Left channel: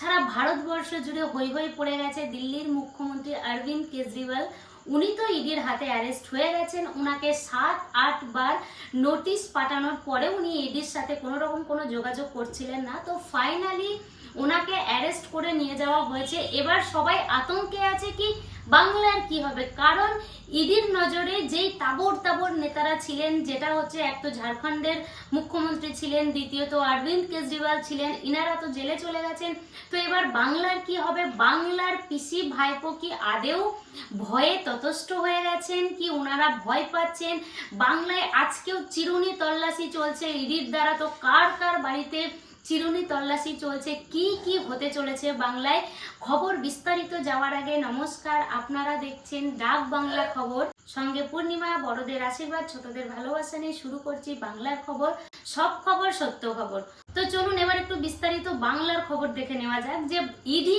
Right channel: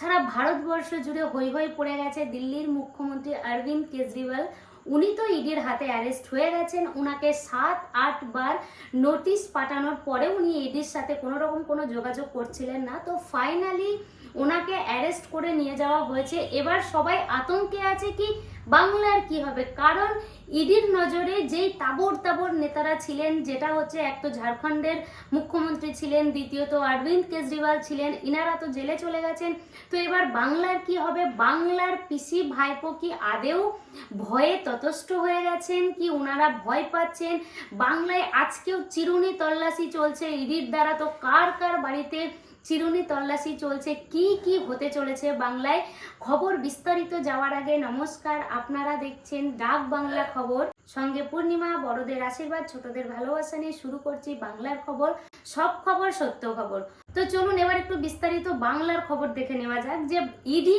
সারা ভারতবর্ষ জুড়ে হৈ হই পড়ে গেছে দিল্লির মুখ্যমন্ত্রী অরবিন্দ কেজরিওয়াল। উনি তো ইডির হাতে অ্যারেস্ট হয়ে গেছেন। উনাকে সাত, আট বার নোটিশ পাঠানোর পরে উনি ইডির সাথে কোনো রকম কোনো যোগাযোগ করছিলেন না। তো ফাইনালি ওনাকে অ্যারেস্ট করে নিয়ে যাওয়া হয়েছে। এবার সবাই আতঙ্কে আছে কি বাংলার কি হবে? কারণ ইডির নজরে যেই তাবর তাবর নেতারা ছিলেন, যেটা হচ্ছে এক তো ঝাড়খণ্ডের মুখ্যমন্ত্রী ছিলেন দ্বিতীয়ত অরবিন্দ কেজরিওয়াল ছিলেন, ইনারা তো জেলে চলে গেছেন। তো এবার বাংলার কি হবে? বাংলার পিসি ভাইপো কি আদেও ভয়ে ততস্থ হয়ে গেছেন কি ওনারা ভয় পাচ্ছেন? বাংলায় আজকেও চিরুনি তল্লাশি চলছে ইডির দ্বারা, তো কার কার বাড়িতে চিরুনি তল্লাশি চলছে। কি কি হতে চলেছে বাংলায়? খবর বিস্তারিত যাওয়ার আগে নমস্কার। আপনারা দেখছেন ডাক বাংলা খবর। সঙ্গে পূর্ণিমা, বড়দের আশীর্বাদ, ছোটদের ভালোবাসা নিয়ে শুরু করছি বাংলার খবর। সব খবর সত্য খবর। তো চলুন এবার একটু বিস্তারিত বাংলার খবর দেখে নেওয়া যাক যে ইডি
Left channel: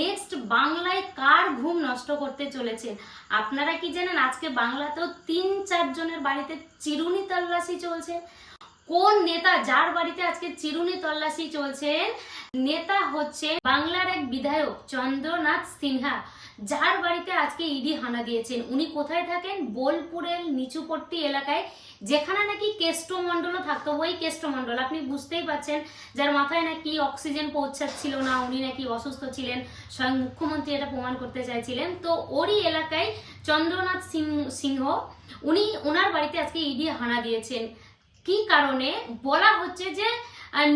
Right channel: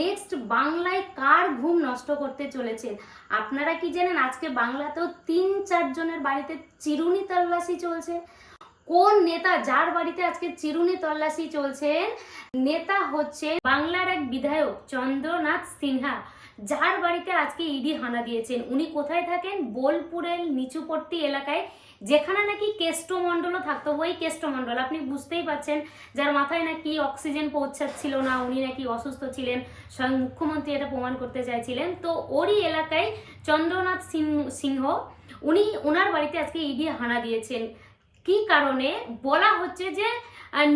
নেক্সট বাংলায় কার ঘুম নষ্ট করতে চলেছে। আপনারা কি জানেন, আজকে বাংলাতেও তিন, চারজনের বাড়িতে চিরুনি তল্লাশি চলছে। কোন নেতা যার বাড়িতে আজকে চিরুনি তল্লাশি চলছেন? নেতা হচ্ছে বাংলার এক বিধায়ক চন্দ্রনাথ সিনহা, যার বাড়িতে আজকে ইডি হানা দিয়েছেন। উনি কোথায় থাকেন? বোলপুরের নিচুপট্টি এলাকায়, যেখানে নাকি কেষ্টমণ্ডলও থাকতো। ওই কেষ্টমণ্ডল, আপনি বুঝতেই পাচ্ছেন যার মাথায় নাকি অক্সিজেন পৌঁছাচ্ছিল না, উনি নাকি অসুস্থ ছিলেন, স্বয়ং মুখ্যমন্ত্রী এটা প্রমাণ করতে চাইছিলেন। তো ওরই এলাকায় চন্দ্রনাথ সিংহ, উনি ওনার বাড়িতে আজকে ইডি হানা দিয়েছেন। কি কারণে? বলা হচ্ছে যে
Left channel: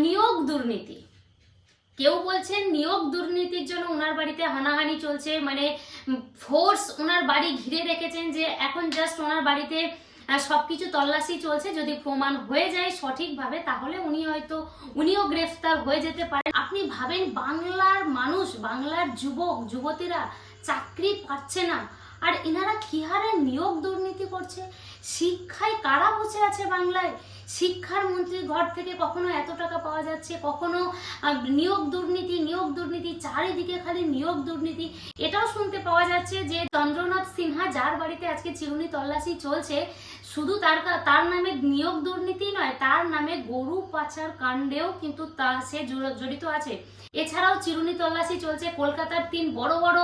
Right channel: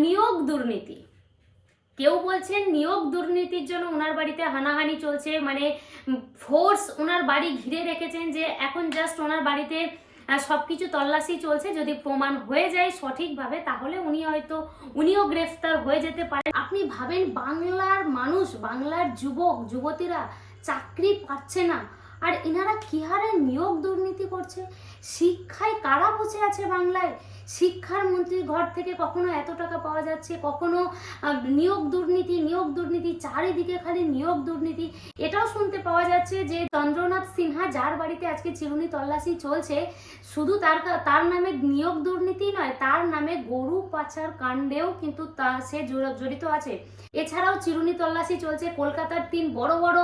নিয়োগ দুর্নীতি। কেউ বলছেন নিয়োগ দুর্নীতির জন্য ওনার বাড়িতে হানাহানি চলছে মানে ফোর্স ওনার বাড়ি ঘিরে রেখেছেন যে এখন জাস্ট ওনার বাড়িতে আহ, সবকিছু তল্লাশি চলছে। যদি প্রমাণ হয়ে যায় সঠিকভাবে তাহলে উনি হয়তো উনিও গ্রেফতার হয়ে যেতে পারেন। আপনি ভাবেন বাংলার মানুষ বাংলার যুবক যুবতীরা চাকরি পাচ্ছে না আর এনারা কি হারে নিয়োগ দুর্নীতি করছে? শিক্ষায় কারা বসে আছে বাংলায়? শিক্ষার মন্ত্রীর ঘর থেকে কখনো এত টাকা পাওয়া যাচ্ছে? কখনো নিয়োগ দুর্নীতি নিয়োগ দুর্নীতি, চারিদিকে খালি নিয়োগ দুর্নীতি। এটাও শুনতে পাওয়া যাচ্ছে যে চন্দ্রনাথ সিনহা, যার বাড়িতে আজকে চিরুনি তল্লাশি চলছে, শুধু তার তার নামে নিয়োগ দুর্নীতি নয়, তার নামে গরু পাচার কাণ্ডেও কিন্তু তা, সে জড়- জড়িত আছে। এছাড়াও চিরুনি তল্লাশি চলছে। কলকাতার তিন বড় বড়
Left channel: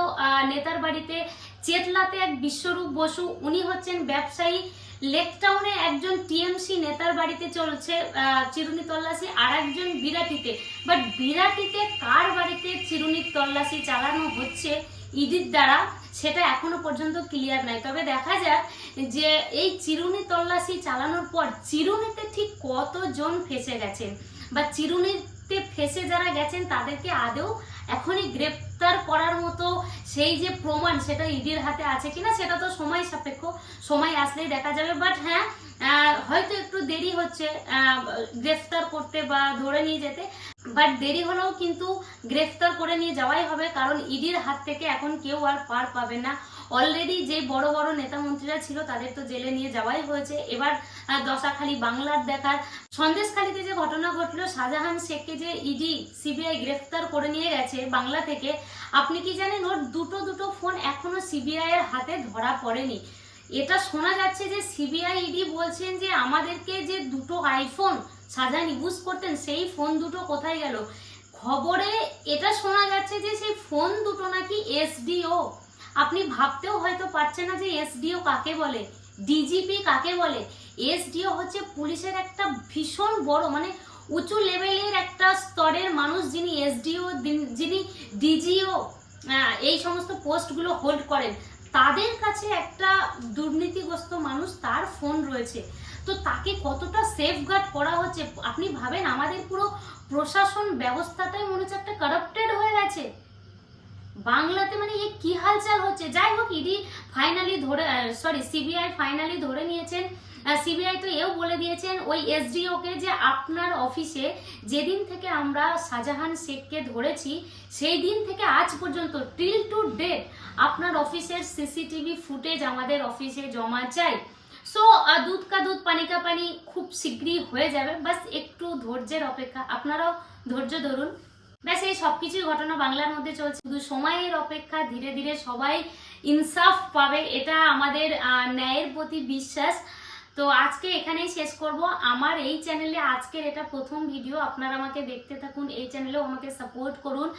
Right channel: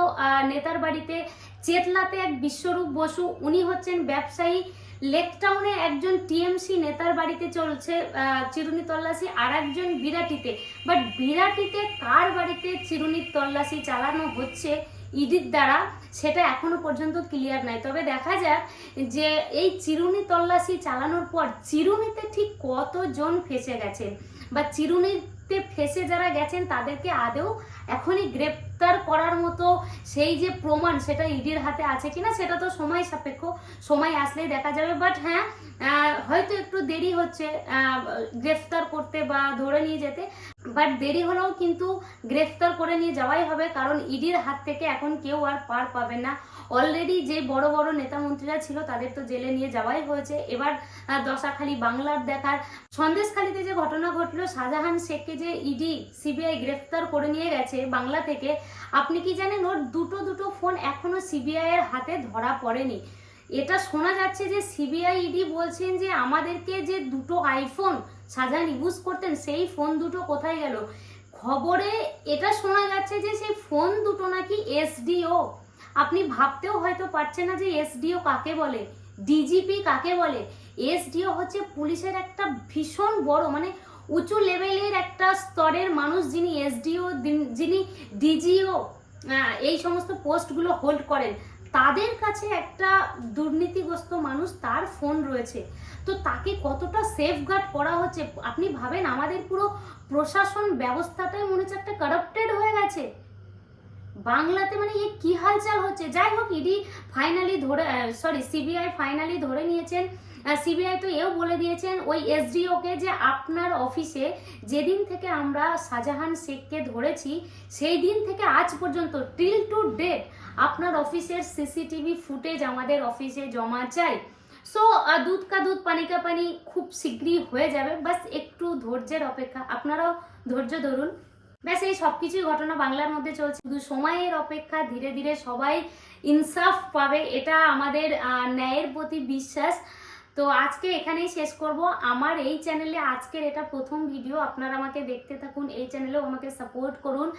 নেতার বাড়িতে চেতলাতে এক বিশ্বরূপ বসু। উনি হচ্ছেন ব্যবসায়ী। লেক টাউনে একজন টিএমসি নেতার বাড়িতে চলছে চিরুনি তল্লাশি, আর একজন বিরাটিতে। বাট বিরাটিতে কার বাড়িতে চিরুনি তল্লাশি চালানো হচ্ছে ইডির দ্বারা, সেটা এখনও পর্যন্ত ক্লিয়ার নাই। তবে দেখা যাক যে এই চিরুনি তল্লাশি চালানোর পর চিরুনিতে ঠিক কতজন ফেসে গেছেন বা চিরুনিতে ফেসে যারা গেছেন, তাদেরকে আদেও এখনই গ্রেপ্তার করার মতো সেই যে প্রমাণ সেটা ইডির হাতে আছে কিনা, সেটা তো সময় সাপেক্ষ। সময় আসলেই দেখা যাবে বাট হ্যাঁ হয়তো একটু দেরি হচ্ছে গ্রেফতার করতে বা ধরে নিয়ে যেতে বাট দেরি হলেও কিন্তু গ্রেফতার করে নিয়ে যাওয়াই হবে, কারণ ইডির হাত থেকে এখন কেউ আর পার পাবে না। অলরেডি যে বড় বড় নেতা মন্ত্রীরা ছিল, তাদের তো জেলে নিয়ে যাওয়াই হয়েছে। এবার দশাখালী বাংলার দেখার সন্দেশখালীতে যে ঘটনা ঘটলো, শাহজাহান শেখকে যে ইডি সিবিআই গ্রেফতার করে নিয়ে গেছে বাংলা থেকে, আপনি কি জানেন ওর দুটো দুটো ফোন এখনও সিবিআই এর হাতে ধরা পড়েনি? এটা শোনা যাচ্ছে যে সিবিআই ইডি বলছেন যে আমাদেরকে যে দুটো আইফোন শাহজাহান ইউজ করতেন, সেই ফোন দুটো কোথায় গেল? খবরে এটা শোনা যাচ্ছে যে সেই ফোন দুটো নাকি এসডিও আপনি ভাবতেও হয়তো পারছেন না যে এসডিও কাকে বলে ডিজিপি কাকে বলে? এসডিও হচ্ছে পুলিশের একটা ভীষণ বড় মানে উঁচু লেভেলের একটা স্তরের মানুষ যিনি এসডিও যিনি ডিজিও এই সমস্ত পোস্টগুলো হোল্ড করেন, তাদের কাছে একটা দুর্নীতিগ্রস্ত মানুষ তার ফোন রয়েছে। তো তাকে কতটা সেফগার্ড করা হচ্ছে? আপনি ভাবেন আমাদের পুরো প্রশাসন ব্যবস্থাটাই মনে হচ্ছে একটা কারাপ্টেড হয়ে গেছে? বাংলাতে মানে এ কি হালচাল হচ্ছে? যাই হোক ইডি ফাইনালি ধরে সরি সিবিআই ফাইনালি ধরে নিয়েছেন। সিবিআই তো এও বলে দিয়েছেন, ওই এসডিওকে যে আপনার অফিসে যেদিন থেকে আমরা শাহজাহান শেখকে ধরেছি, সেই দিন থেকে আজ পর্যন্ত টিল টু ডেট আপনার অফিসের সিসিটিভি ফুটেজ আমাদের অফিসে জমা চাই। সো দুধ কা দুধ, পানি কা পানি খুব শীঘ্রই হয়ে যাবে। বাস একটু ধৈর্যের অপেক্ষা, আপনারাও ধৈর্য ধরুন। ব্যাস, এই সব কিছুই ঘটনা বাংলার মধ্যে চলছে। শুধু সময়ের অপেক্ষা, ধীরে ধীরে সবাই ইনসাফ পাবে, এটা আমাদের ন্যায়ের প্রতি বিশ্বাস। তো আজকে এখানেই শেষ করব। আমার এই চ্যানেলে আজকের এটা প্রথম ভিডিও আপনারা আমাকে দেখতে থাকুন, এই চ্যানেলেও আমাকে সাপোর্ট করুন।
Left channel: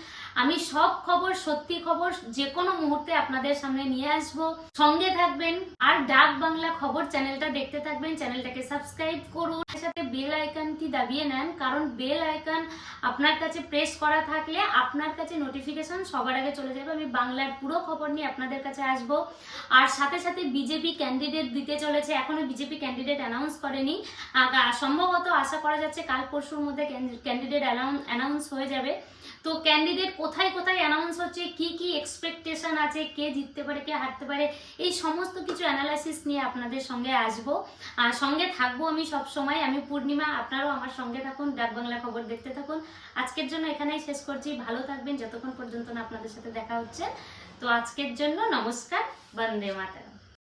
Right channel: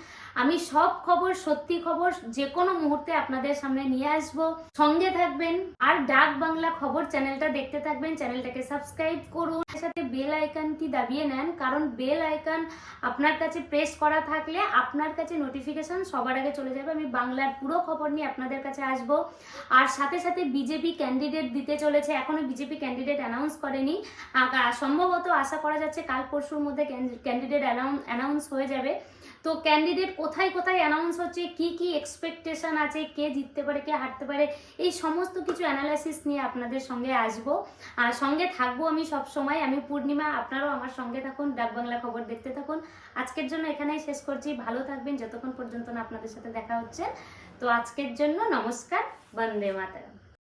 আমি সব খবর, সত্যি খবর যে কোনো মুহূর্তে আপনাদের সামনে নিয়ে আসব। সঙ্গে থাকবেন আর ডাক বাংলা খবর চ্যানেলটা দেখতে থাকবেন চ্যানেলটাকে সাবস্ক্রাইব করুন। সাথে বেল আইকনটি দাবিয়ে নেন, কারণ বেল আইকন আপনার কাছে প্রেস করা থাকলে আপনার কাছে নোটিফিকেশন সবার আগে চলে যাবে। আমি বাংলার পুরো খবর নিয়ে আপনাদের কাছে আসব। আর সাথে সাথে বিজেপি ক্যান্ডিডেট দিতে চলেছে, এখনও বিজেপি ক্যান্ডিডেট অ্যানাউন্স করেনি। সম্ভবত আশা করা যাচ্ছে কাল পরশুর মধ্যে ক্যান্ডিডেট অ্যানাউন্স হয়ে যাবে। তো ক্যান্ডিডেট কোথায় কোথায় অ্যানাউন্স হচ্ছে? কি কি এক্সপেকটেশন আছে? কে জিততে পারে? কে হারতে পারে? এই সমস্ত কিছু অ্যানালাইসিস নিয়ে আপনাদের সঙ্গে আসব। আর সঙ্গে থাকব আমি সব সময়। আমি পূর্ণিমা, আপনারাও আমার সঙ্গে থাকুন। ডাক বাংলা খবর দেখতে থাকুন। আজকের জন্য এখানেই শেষ করছি। ভালো থাকবেন। যতক্ষণ পর্যন্ত না আপনাদের সাথে দেখা হচ্ছে। তো আজকের জন্য নমস্কার। বন্দে মাতা